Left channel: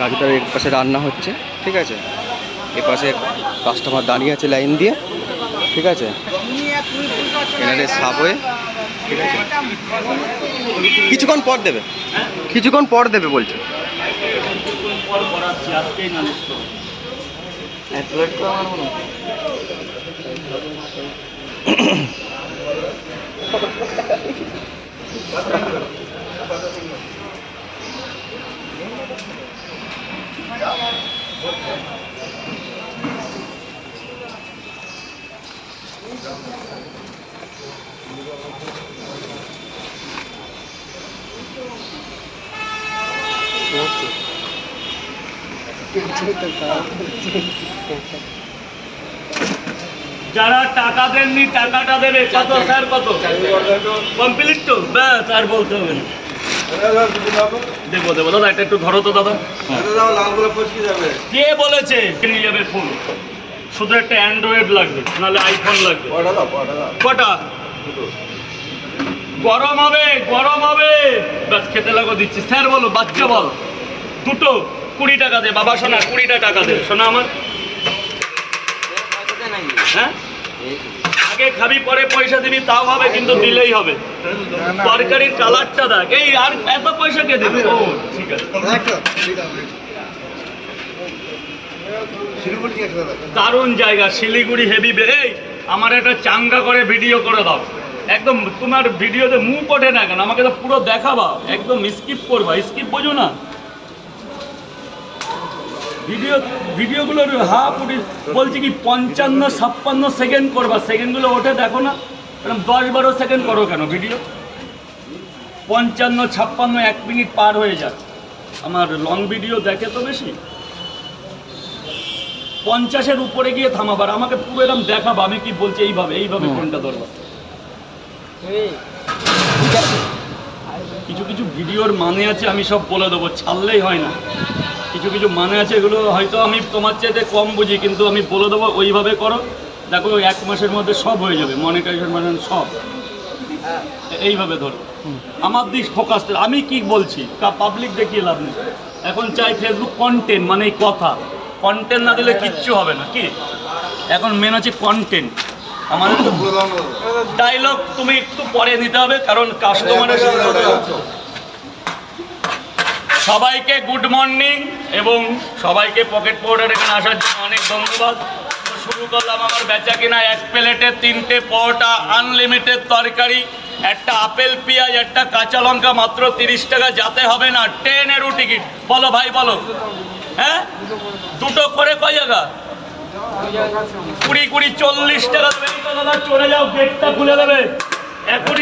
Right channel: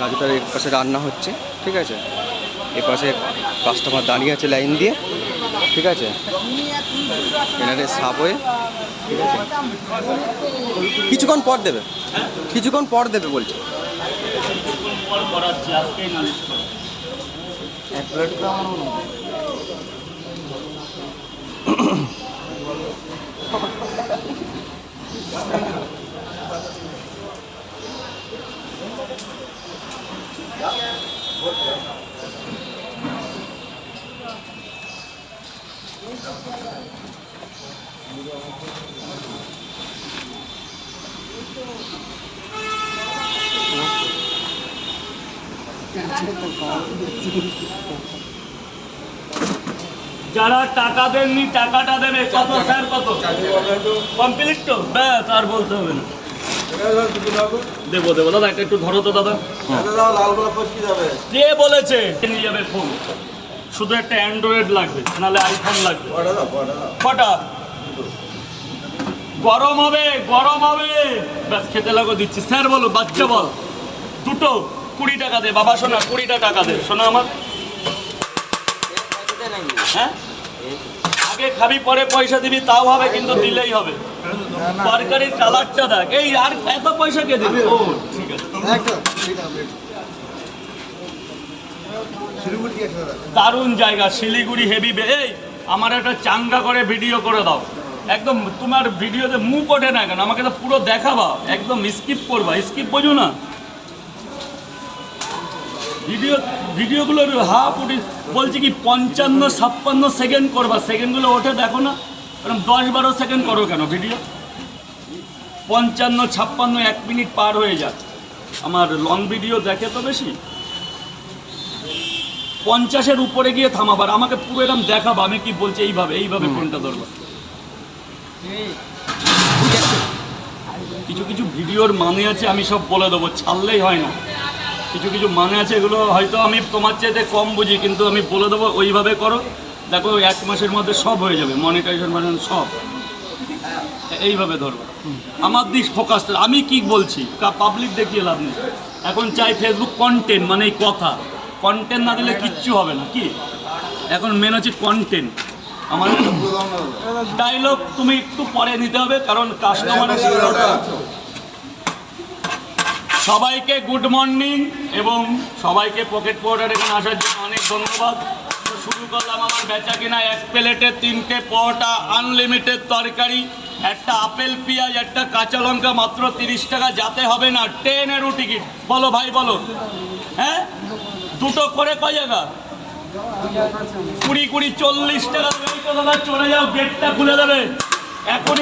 গাড়িটার এর পাশে রান্না হচ্ছে, ঠিক আছে। এ পাশে কাস্টমার দাঁড়িয়ে আছে লাইন দিয়ে, ঠিক আছে। এনারে সাবওয়ে, ঠিক আছে। কিছুক্ষণ পর দেবে, কিছুক্ষণ পর দেবে বলছে। যারা টাকা দেননি টাকাটা দেবে। কত স্যার, কত কমপ্লিট তো? ব্যাস, আর বলতে হবে না। দেবো দেবো দাদা, এটা একটু ধরো তো দাদা। কে বলেছে নিয়ে যাবে ফোন? শুধু একটা অ্যান্ড্রয়েড লাগবে, নাহলে আইফোন লাগবে। কটা? গরম হবে, গরম হবে। ব্যাস, খেতে লাগো দিচ্ছি। স্যার বলো, বাচ্চা বল। দুটো 20 টাকা দে বাবা, শোনা 20টা টাকা দে শোনা আমার। হ্যাঁ, আগে খাবি পরে পয়সা দিবি, তাও হবে, কিন্তু দিলেই হবে। তরকারির কালারটা দেখ। এই আর এত পয়সা কে দেবে? ও ঠিক আছে, দারুণ জায়গা শিলিগুড়ি, হেভি। এই আমার একটা চাঙ্গা করে ভিডিও করে দাও। একদম তোমার ভিডিওতে মুখ ওঠে না কেন? আমাকে তো পুরো দেখাবা, একদম স্কিপ করবা। স্কিপ বোঝো না? ভিডিওগুলোর হাফ উঠি বলছি কি 55-56 সেকেন্ড করবা। সেকেন্ডগুলো ওঠে দেখো না, এরকম 10-12 সেকেন্ড করো কেন ভিডিও? 55-56 1 মিনিট পার হয়ে যায়। আমার লং ভিডিও দেখে তো বেশি। 50-এর উপরে গিয়ে থামাবার, আমাকে পুরো এরকম দেখাবা আমি কি বলছি। এইভাবে এইভাবে ফোনটা ধরবা। কিছু কিছু ভিডিওর মানে আছে, আমি সব বলে দেবো, ছাড়লেই হয় না। কিছু কিছু মানে আছে, এগুলো হয়তো আমি তোমার চাইতে কম বুঝি, কিন্তু আমি বলে দেবো ওইভাবে করো। দেখো 1 মাসের মধ্যে সব হয়ে যাবে, মনিটাইজেশন মানে সব। এইভাবে ধরো, আমার দিক ফোকাস। আমি কি বলছি পাবলিক দেখিয়ে লাভ নেই। এখন চাই ফেসবুক কন্টেন্ট, মানে এই কথা। কন্টেন্ট না দিলে কিচ্ছু হবে না। কি এখন মেন হচ্ছে কন্টেন্ট। আমাদের ডায়লগ তুমি একটু পরে নিতে হবে, কারণ কাস্টমারের সবাইকে গুড মর্নিং এবং সবাইকে পকেট পাউডার এখানে আসার জন্য অনেক ধন্যবাদ। শুরু করলাম আমার বেচা কিনা। 1 প্লেটে 3টে পরোটা, আনলিমিটেড তরকারি, একটা আপেল পেঁয়াজ, একটা কাঁচা লঙ্কা, মাত্র 30 টাকা। যাতে হবে না, ট্রেনেরও টিকিট। বলো ভাই বলো। হ্যাঁ, দুটো করে কয় জায়গা? 20-20 40 টাকা দেবে। দাদা চলে যাও, গেটটা খুলে দেবে এখনই।